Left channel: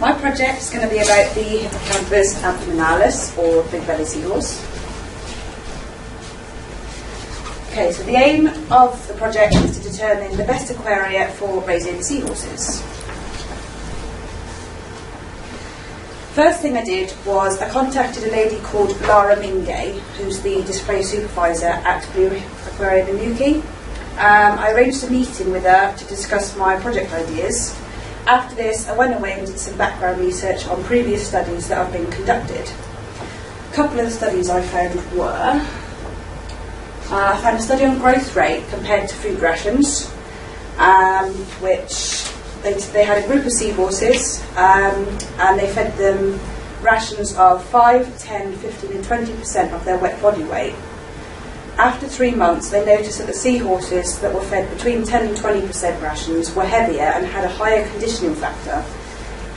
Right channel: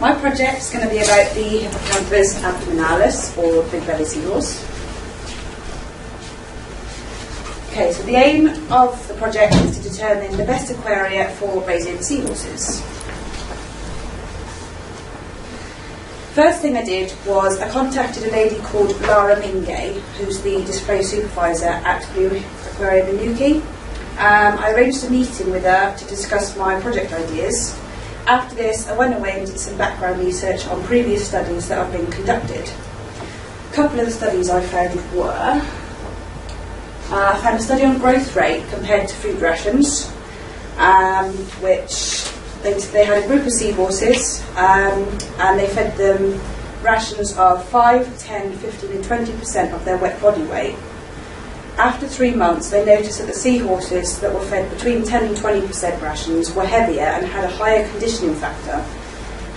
My project is going to be about the Hippocampus abdominalis, or big belly seahorse. Okay, so the aim of the project is to determine the best aquaria for raising seahorses. First thing I did was I contacted a lady called Lara Mingay, who's the display supervisor at Blue Aquarium in Newquay. I arranged a meeting with her to discuss my project ideas. After this, I went away and did some background research on previous studies that have been conducted. A couple of the studies I found were, I found a study on growth rate compared to food rations, which they had a group of seahorses and they fed them rations of 5, 10, 15 and 20% of their wet body weight. After 3 months, they noticed that the seahorses that were fed between 10 and 20% rations were heavier and had a higher conditioning factor.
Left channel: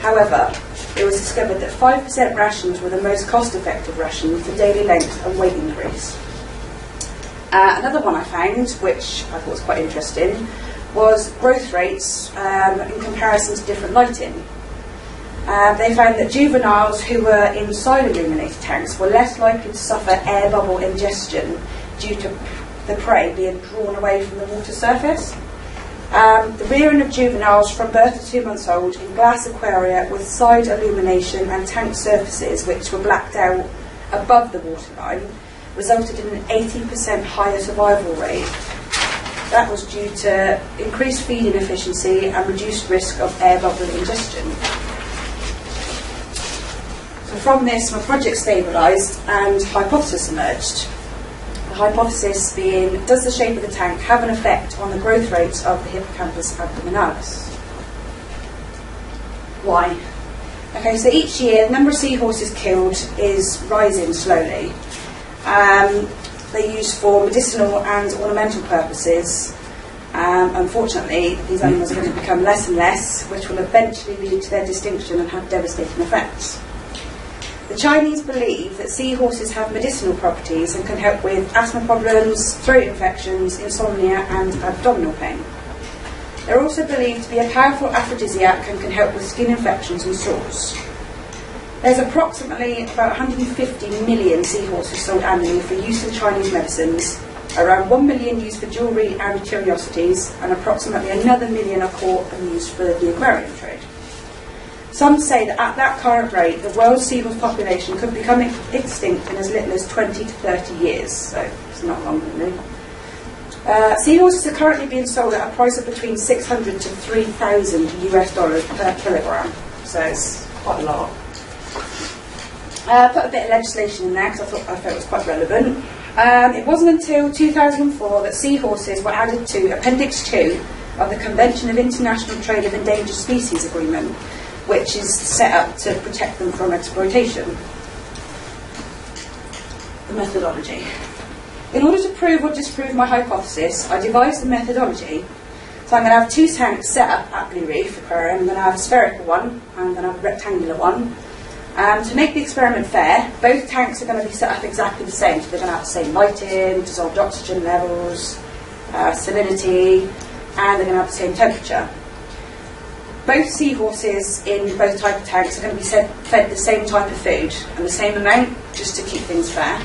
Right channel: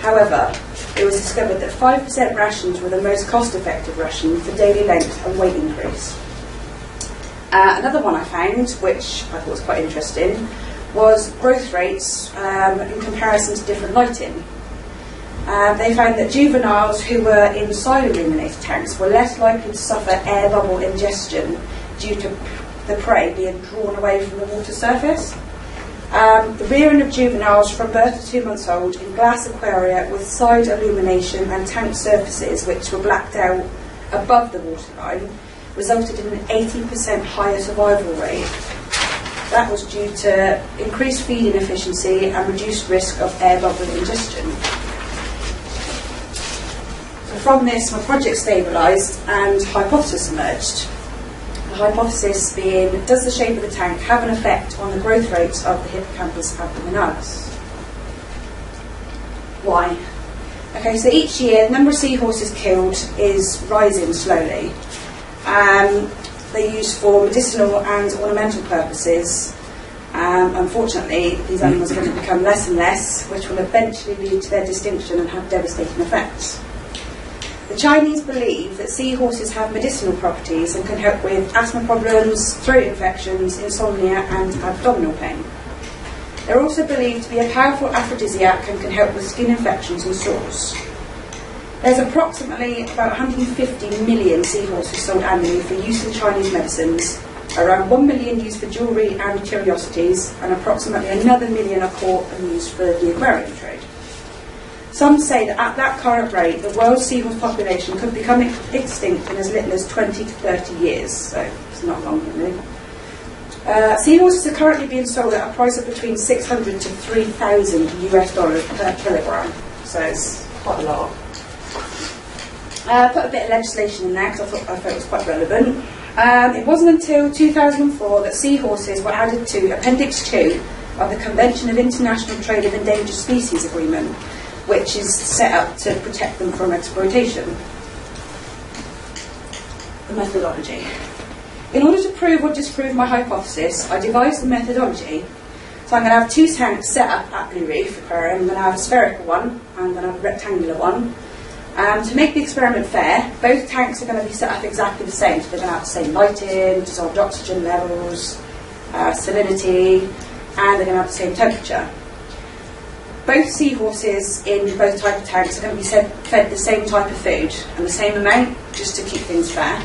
However, it was discovered that 5% rations were the most cost-effective ration for daily length and weight increase. Another one I found, which I thought was quite interesting, was growth rates in comparison to different lighting. They found that juveniles who were in side illuminated tanks were less likely to suffer air bubble ingestion due to the prey being drawn away from the water surface. The rearing of juveniles from birth to 2 months old in glass aquaria with side illumination and tank surfaces which were blacked out above the waterline resulted in an 80% higher survival rate. That was due to increased feeding efficiency and reduced risk of air bubble ingestion. So from this, my project stabilised and hypothesis emerged. The hypothesis being, does the shape of the tank have an effect on the growth rates of the Hippocampus abdominalis? Why? Okay, so each year the number of seahorses killed is rising slowly. They're used for medicinal and ornamental purposes. Unfortunately, these animals are going to become less and less, which will eventually lead to their extinction and have devastating effects. The Chinese believe that seahorses have medicinal properties and can help with asthma problems, throat infections, insomnia and abdominal pain. They're also believed to be a powerful aphrodisiac and can help with skin infections and sores. There's approximately about 150 million seahorses sold annually for use in Chinese medicines, around 1 million used for jewellery and curiosities, and approximately another million are caught and used for the aquarium trade. Some say that at that current rate, the world's seahorse population could become extinct in as little as 20 to 30 years, so it's not long really. Seahorses are currently being sold at a price of between $600 to $3,000 US per kilogram, so it's quite a lot. Put a bit of legislation in there because I thought it was quite relevant. It wasn't until 2004 that seahorses were added to Appendix 2 of the Convention of International Trade of Endangered Species Agreement, which is set up to protect them from exploitation. The methodology. In order to prove or disprove my hypothesis, I devised the methodology. So I'm going to have 2 tanks set up at Blue Reef Aquarium. I'm going to have a spherical one, and I'm going to have a rectangular one. To make the experiment fair, both tanks are going to be set up exactly the same. So they're going to have the same lighting, dissolved oxygen levels, salinity, and they're going to have the same temperature. Both seahorses in both types of tanks are going to be fed the same type of food and the same amount, just to keep things fair.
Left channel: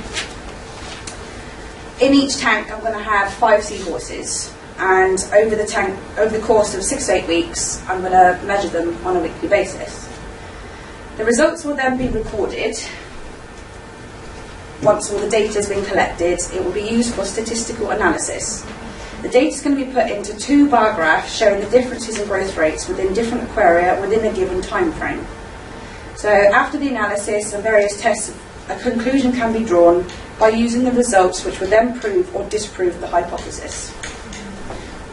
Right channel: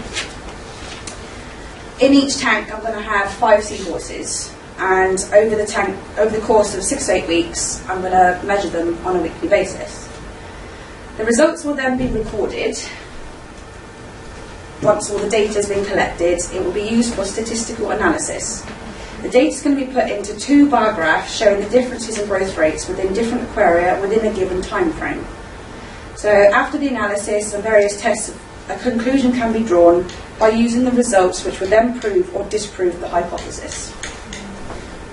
In each tank I'm going to have 5 seahorses, and over the course of 6 to 8 weeks I'm going to measure them on a weekly basis. The results will then be recorded. Once all the data has been collected, it will be used for statistical analysis. The data is going to be put into 2 bar graphs showing the differences in growth rates within different aquaria within a given time frame. So after the analysis and various tests, a conclusion can be drawn by using the results, which will then prove or disprove the hypothesis.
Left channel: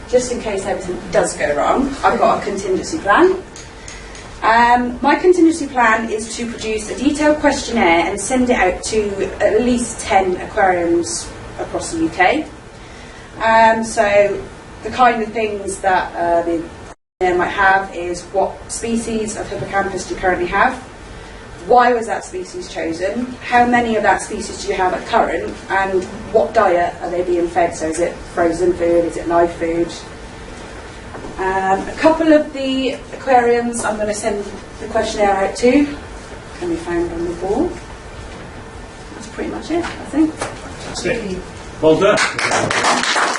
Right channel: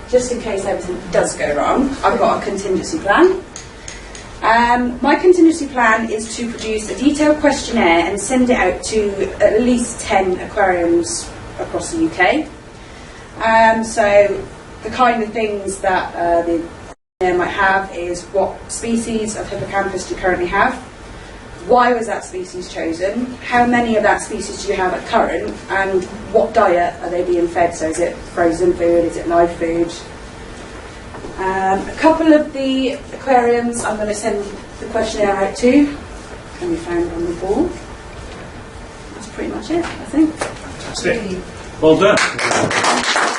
Just in case everything does go wrong, I've got a contingency plan. My contingency plan is to produce a detailed questionnaire and send it out to at least 10 aquariums across the UK. So the kind of things that the questionnaire might have is, what species of hippocampus do you currently have? Why was that species chosen? How many of that species do you have at current? And what diet are they being fed? So is it frozen food? Is it live food? A couple of the aquariums I'm going to send The questionnaire out too can be found on the board. That's pretty much it, I think. Fantastic. Well done.